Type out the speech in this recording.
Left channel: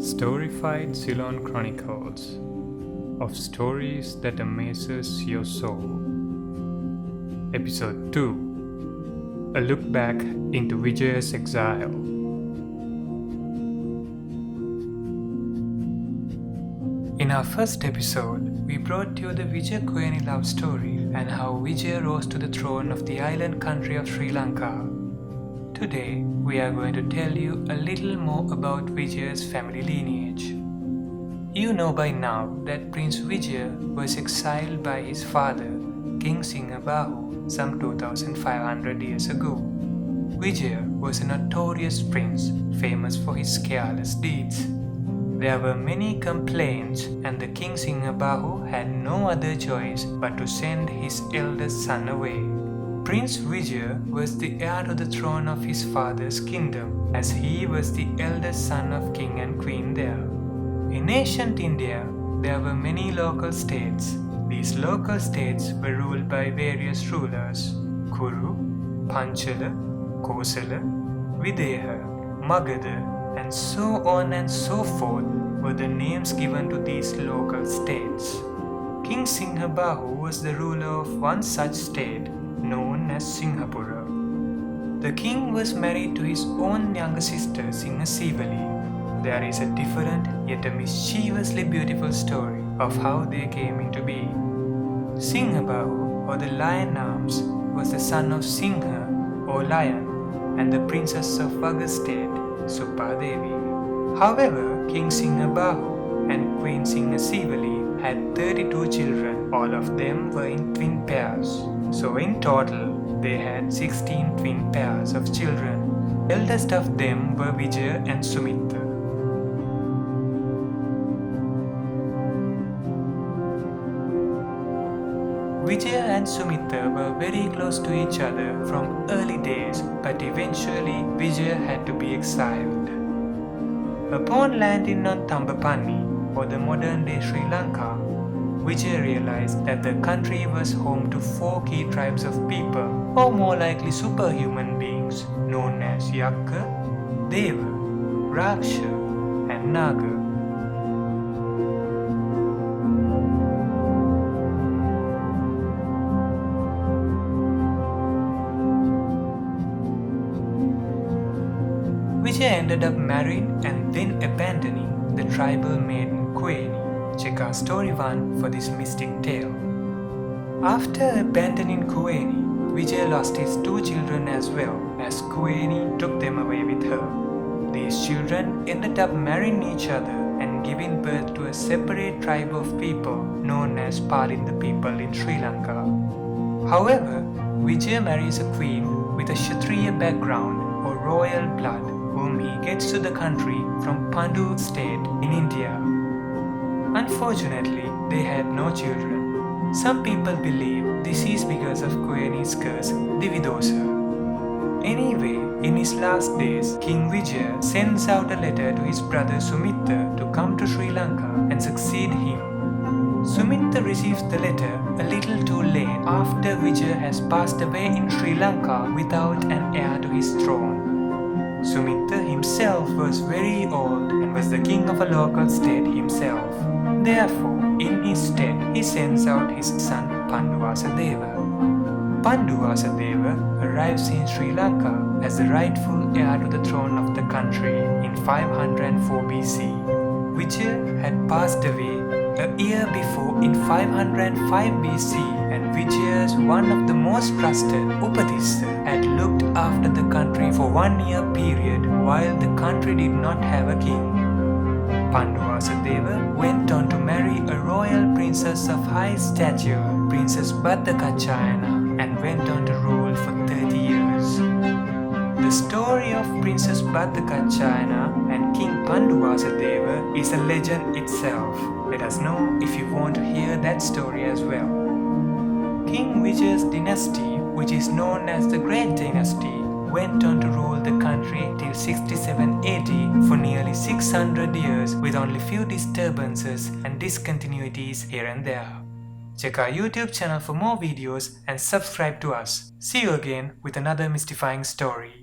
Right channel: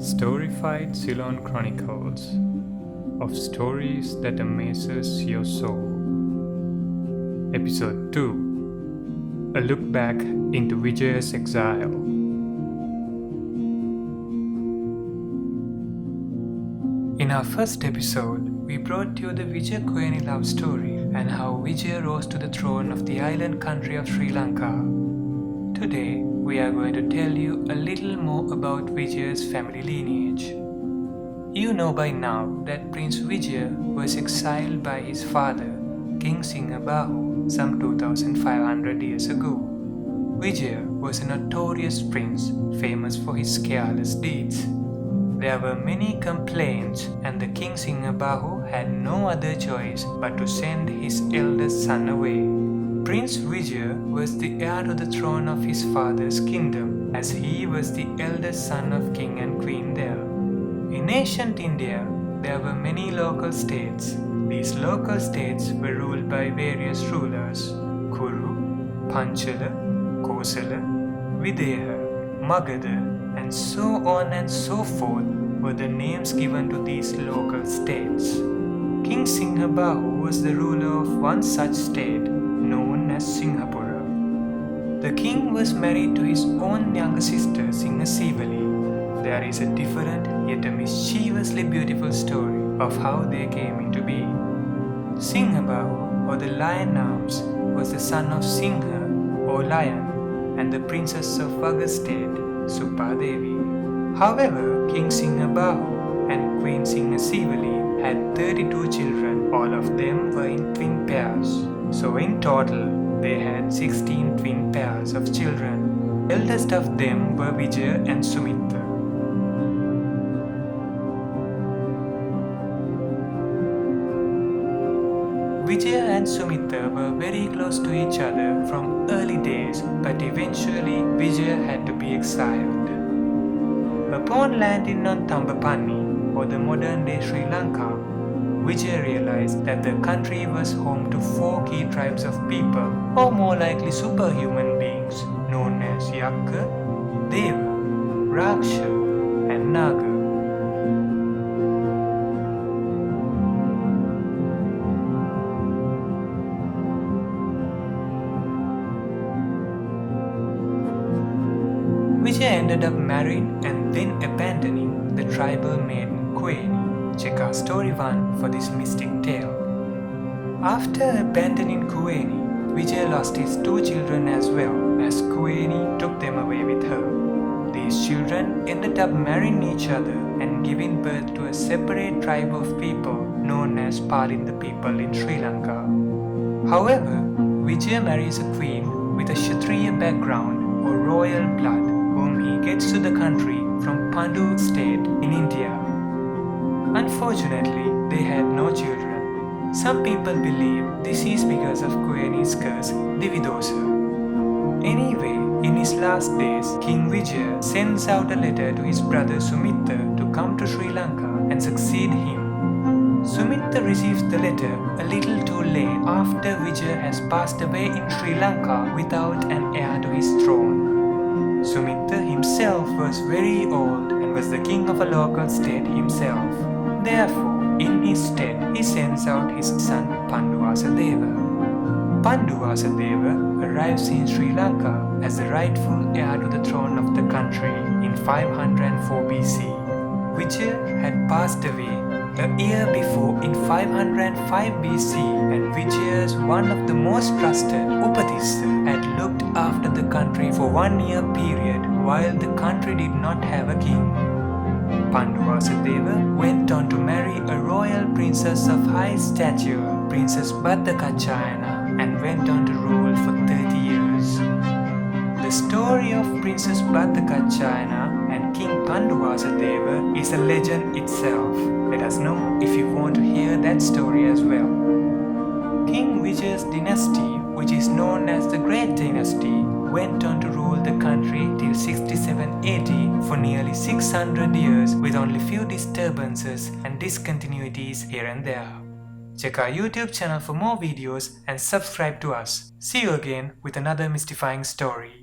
Storified Ceylon Chronicles of Stories that Amazes Your Soul. Episode 2. A Look Back into Vijaya's Exile. In our first episode, we brought you the Vijaya Kuveni love story and how Vijaya rose to the throne of the island country of Sri Lanka. Today, we are going to tell you a little more about Vijaya's family lineage. You know by now that Prince Vijaya was exiled by his father, King Sinhabahu, some 2500 years ago. Vijaya was a notorious prince, famous for his careless deeds. There were many complaints, and the King Sinhabahu had no other choice but to send his eldest son away. Prince Vijaya was the heir to the throne of his father's kingdom, as he was the eldest son of King and Queen there. In ancient India, there were many local states. These local states were ruled by various rulers: Kuru, Panchala, Kosala, Videha, Magadha, and so on and so forth were the names given to these local states. King Sinhabahu was the ruler of one such state, known as Sinhapura. The king was married to his own younger sister Sinhasivali. There is a different yet a mischievously beautiful story of how they came into being. Sinhabahu, or the lion arms, was the son of Sinha, or lion, and the princess of Vanga state, Suppadevi. However, King Sinhabahu and Queen Sinhasivali had 32 children. All of them were in twin pairs. So in total, they had 16 twin pairs of children. Eldest of them were Vijaya and Sumitta. Vijaya and Sumitta were very close to each other from early days, but eventually Vijaya had to be exiled. Upon landing on Thambanni, or the modern-day Sri Lanka, Vijaya realized that the country was home to 4 key tribes of people, or more likely superhuman beings, known as Yakka, Deva, Raksha, and Naga. Vijaya ended up marrying and then abandoning the tribal maiden Kuveni. Check out story 1 for this mystic tale. After abandoning Kuveni, Vijaya lost his 2 children as well, as Kuveni took them away with her. These children ended up marrying each other and giving birth to a separate tribe of people known as Palinda people in Sri Lanka. However, Vijaya marries a queen with a Kshatriya background or royal blood, whom he gets to the country from Pandu state in India. Unfortunately, they had no children. Some people believe this is because of Kuveni's curse, Dividosa. Anyway, in his last days, King Vijaya sends out a letter to his brother Sumitta to come to Sri Lanka and succeed him. Sumitta receives the letter a little too late after Vijaya has passed away in Sri Lanka without an heir to his throne. Sumitta himself was very old and was the king of a local state himself. Therefore, in his stead, he sends out his son Panduvasadeva. Panduvasadeva arrives in Sri Lanka as the rightful heir to the throne of the country in 504 BC. Vijaya had passed away a year before in 505 BC, and Vijaya's one of the most trusted, Upadisa, had looked after the country for 1 year period while the country did not have a king. Panduvasadeva went on to marry a royal princess of high stature, Princess Bhattacharya, and went on to rule for 30 years. The story of Princess Bhattacharya and King Panduvasadeva is a legend itself. Let us know if you want to hear that story as well. King Vijaya's dynasty, which is known as the Great Dynasty, went on to rule the country till 67 AD for nearly 600 years with only few disturbances and discontinuities here and there. Check our YouTube channel for more videos and subscribe to us. See you again with another mystifying story.